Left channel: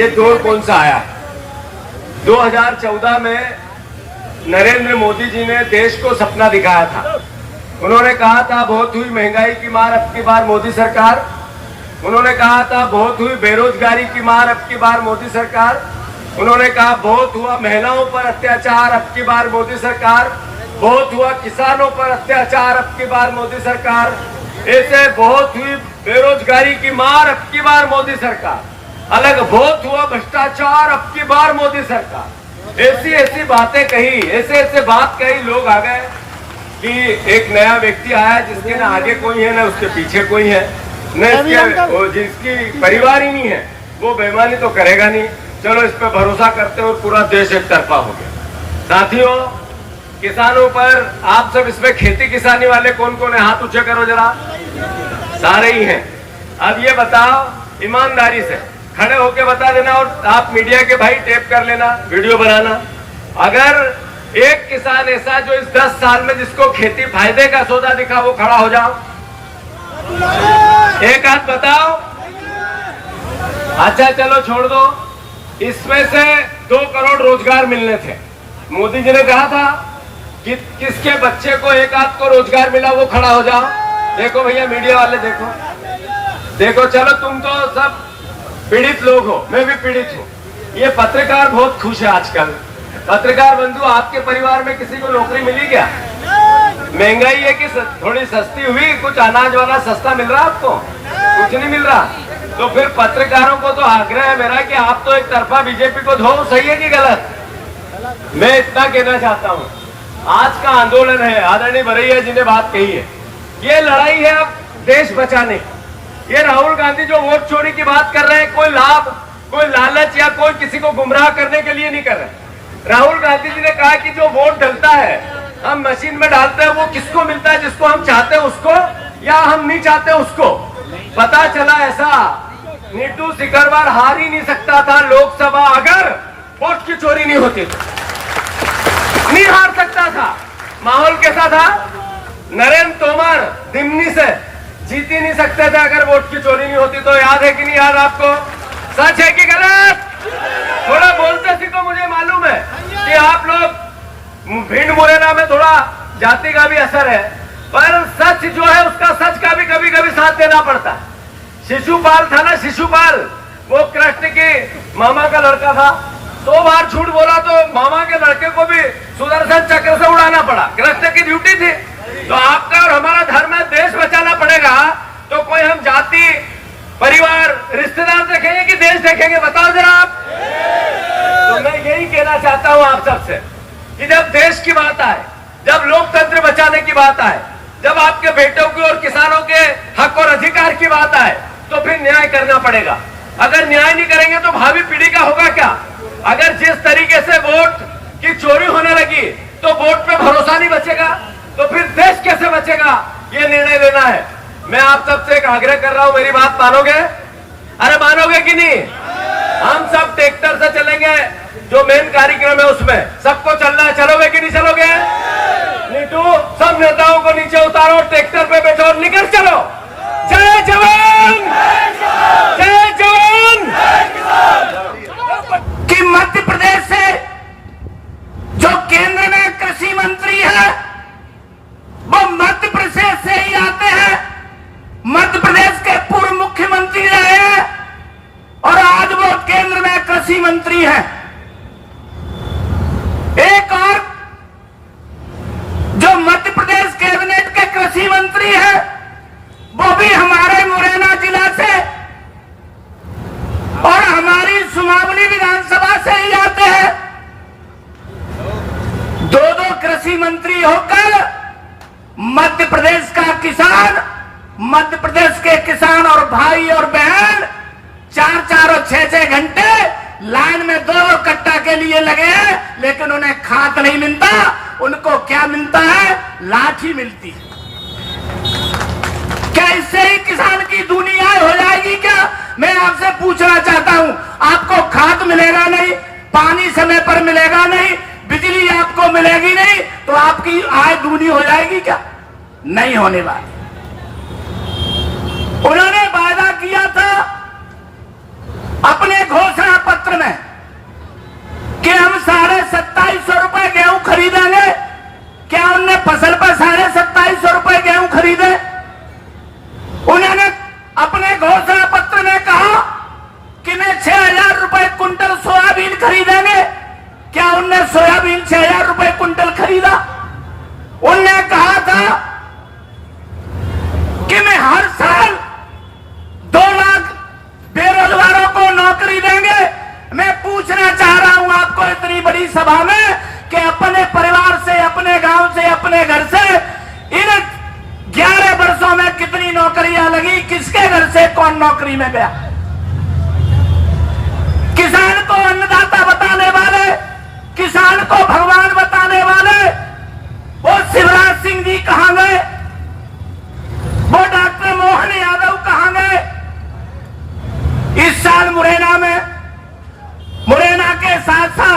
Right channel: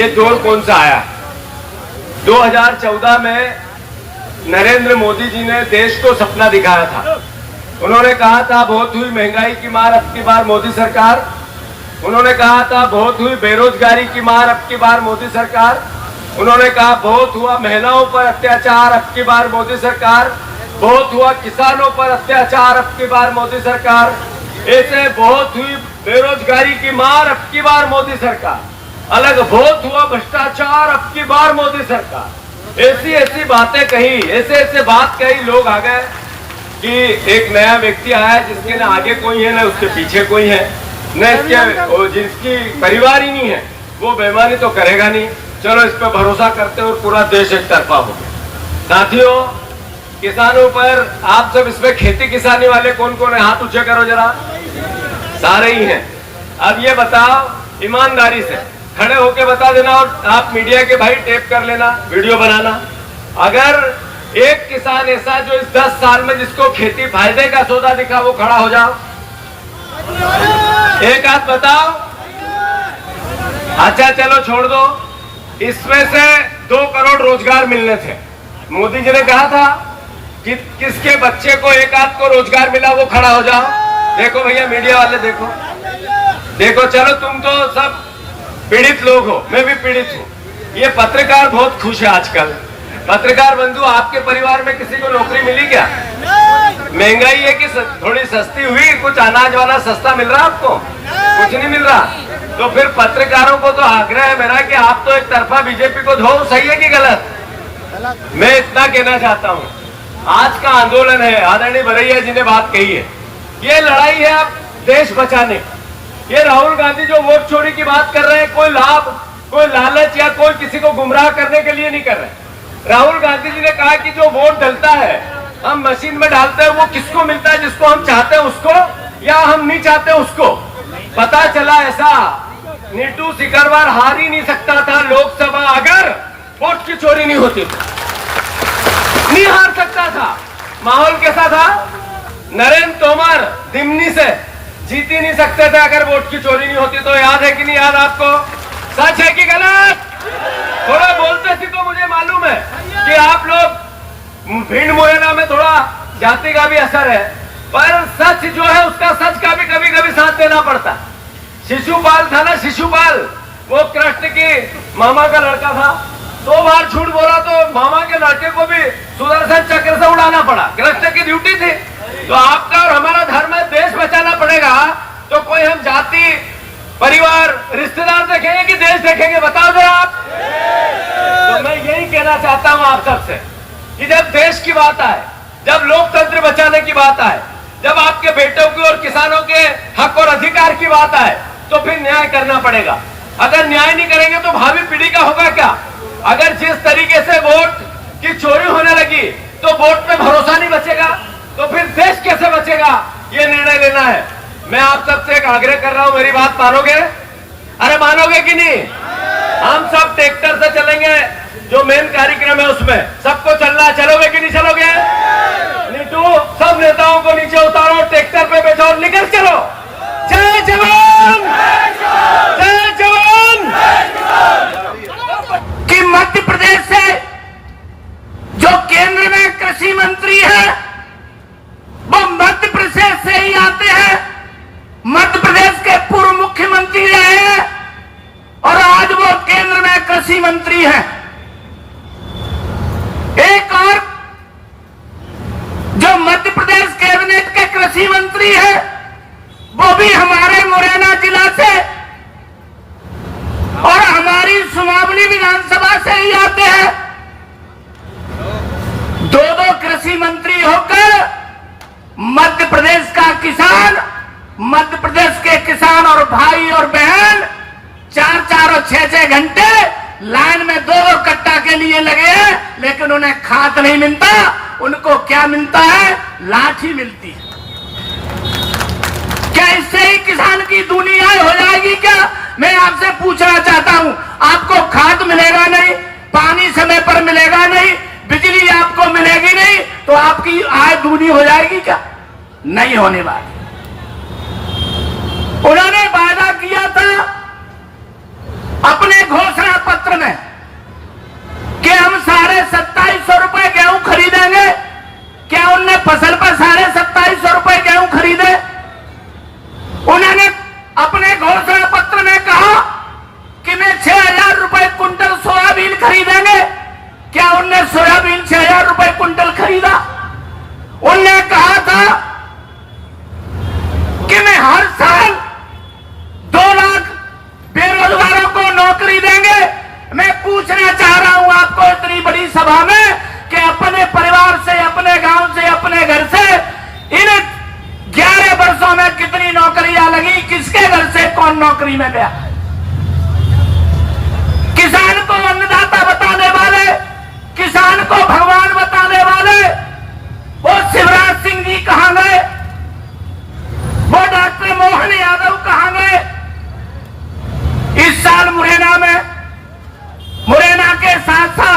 ये दौर कौन सा आया है? 2014 में नरेंद्र मोदी जी ने देश को सपना दिखाया था। उन्होंने कहा था बहुत हुई महंगाई की मार, अब की बार मोदी सरकार। उन्होंने कहा था बहुत हुई बेरोजगारी की मार, अब की बार मोदी सरकार। उन्होंने कहा बहुत हुआ महिलाओं पर अत्याचार, अब की बार मोदी सरकार। बहुत हुआ किसानों पर अत्याचार, अब की बार मोदी सरकार। ऐसे बहुत हुई बेरोजगारी की मार, अब की बार मोदी सरकार। अलग बहुत हुआ भ्रष्टाचार, अब की बार मोदी सरकार। ऐसी ऐसी बातें कही, ऐसे ऐसे बात कही, लोग आ गए कि एक नया व्यक्ति आया है जिसके न आगे कोई है न उसके पीछे कोई है, न इसके जिसकी परिवार ही नहीं है, वो बेईमानी तो करेगा नहीं, चलो इस पर भरोसा करते और पूरा देश एक तरफा हो गया। साथियों, किसानों पर आप सब इसमें खेती किसानी वाले कौन कौन है, हाथ ऊंचे करो जरा। सारे ही हैं। अब ये बताओ, ईमानदारी से खड़े होके बता देना, और आप मीडिया के भाई टेप कर लेना, वीडियो बनाना। अगर एक किसान ऐसा जो इस 10 साल में जिसको खेती फायदे का सौदा दिखा, वो खड़ा हो जाओ, एक हाथ बताओ। अच्छा चलो छोड़ दो, इसमें से 2 करोड़ रोजगार मिलने थे। मोदी जी ने कहा था कि किसके बच्चे को एक हाथ को रोजगार मिला, वो खड़ा हो जाओ। देखो भैया मीडिया वाले, देखो देखो, चलो तुम तो सब पीड़ित लोग हो, मैं भी पीड़ित हूँ। ये पत्रकार बहुत खुश है आजकल। पत्रकार बंधु, आपके परिवार में किसी को नौकरी मिली क्या? महंगाई है कि थोड़ी सस्ती हुई, कुछ अनाज वाला सस्ता मिल रहा आपको? कुछ नहीं मिल रहा। तो फिर पत्रकारों को तो आग्रह है मेरा कि आप तो एक तरफा बीजेपी को धो, सही है कि गलत? मैं इतना कहना चाहता हूँ, आज का आंदोलन है, आदरणीय भरैया जी ने बात कही है, ये लड़ाई है अब देश बचाने की। ये राहुल गांधी जो वोट चोरी की बात कर रहे हैं, कोई लाभ, कोई लालच या कोई किसी को गुमराह करने के लिए नहीं कर रहे। राहुल गांधी जी ने कहा कि जो वोट डलता है, हम मशीन में डालते हैं, वो किसको मिलता है? जिसको हम चाहते हैं उसको, या हम नहीं चाहते उसको। पता चला ऐसा, नीतू सिकरवार हार ही नहीं सकता था लोकसभा अगर वोट की चोरी नहीं होती, नहीं हार सकता था। माहौल कैसा था? नरेंद्र तोमर दिमनी से जीत ही नहीं सकते थे अगर वोट की चोरी नहीं होती। तो याद है कि नहीं याद आपको? सच है कि गलत? थोड़ा बोलते सी तो मुझे मालूम है कि आप लोग भीड़ मुरैना में थोड़ा जाति का भी असर है, पर सच जो है उसका सच का भी कभी कभी साथ देना पड़ता है। शिशुपाल था ना, शिशुपाल, वो कृष्ण के मामा का लड़का था। 2 बार झूठ बोला तो मामा के लड़के को भी सुदर्शन चक्र से उड़ाना पड़ा, कृष्ण की ड्यूटी थी। तो आपका और हमारा धर्म है, देश बचाना पड़ेगा। तो कोई हम जाति, परिवार, रिश्तेदार देखेंगे कि देश देखेंगे? बताओ जरा आप। तो मैं यही कहना चाहता हूं आप सबसे कि जब देश की बात आए, जब लोकतंत्र बचाने की बात आए, जब आपके बेटों की और किसानों के हक और अधिकार की बात आए, तो फिर न्याय करना पड़ेगा। अगर न्याय नहीं करेंगे तो भावी पीढ़ी का होगा क्या? अगर जिस तरीके से वोट की चोरी होने लगी तो वोट पे भरोसा नहीं बचेगा, तो फिर देश कैसे बचेगा? ये निर्णय लेना है। मैं आप सबसे एक आग्रह कर रहा हूं, मेरी बात मानोगे? अरे मानोगे कि नहीं? हम सब ट्रैक्टर से चलेंगे, जो मेन कार्यक्रम है उसमें सबको चलना है। चलोगे कि नहीं चलोगे? नीतू, सब नेताओं को नीचे उतारो, ट्रैक्टर पे बैठो और निकल चलो। जय जवान, जय जवान। कि मध्य प्रदेश से जो केंद्र में कृषि मंत्री है, वो मध्य प्रदेश से ही आते हैं। मध्य प्रदेश के पूर्व मुख्यमंत्री रहे हैं और आज वो केंद्र में कृषि मंत्री हैं। एक और जो मध्य प्रदेश कैबिनेट के कृषि मंत्री हैं, वो भी हमारे मुरैना जिला से और हमारी सुमावली विधानसभा से ही आते हैं। 2 कृषि मंत्री होकर मध्य प्रदेश का किसान, मध्य प्रदेश के किसान और भाई और बहन 4-4 और 6-6 घंटे लाइन में 2 कट्टा के लिए लगे हैं, लेकिन उन्हें खाद नहीं मिलता। उनको क्या मिलता है? लाठी मिलती है। क्या इससे ही किसान की दुनिया हो जाएगी क्या? मैं आपसे पूछना चाहता हूं, आपको खाद मिलेगा नहीं, पानी समय पर मिलेगा नहीं, बिजली आपको मिलेगी नहीं, तो आपकी आय दूनी हो जाएगी क्या? नहीं होने वाली। उन्होंने वादा किया था अपने घोषणा पत्र में कि हम 2750 रुपए गेहूं खरीदेंगे। क्या उनने फसल पर 2750 रुपए गेहूं खरीदे? उन्होंने अपने घोषणा पत्र में कहा कि मैं 6000 रुपए कुंटल सोयाबीन खरीदेंगे। क्या उनने सोयाबीन 6000 रुपए कुंटल खरीदा? उनने कहा था कि मैं हर साल 2 लाख बेरोजगारों को नौकरी देंगे। मैं पूछना चाह रहा हूं आपको इतनी बड़ी सभा में कि अपने परिवार से, अपने गांव से, अपने घर से इन 11 वर्षों में कितनी नौकरियां लगी? किसके घर से कौन नौकरी में गया? किसान को अन्नदाता बताने वाले, किसान को भगवान बताने वाले वो शिवराज सिंह जी कहां गए? वो डॉक्टर मोहन यादव कहां गए? इस साल मुरैना में, मुरैना के साथ साथ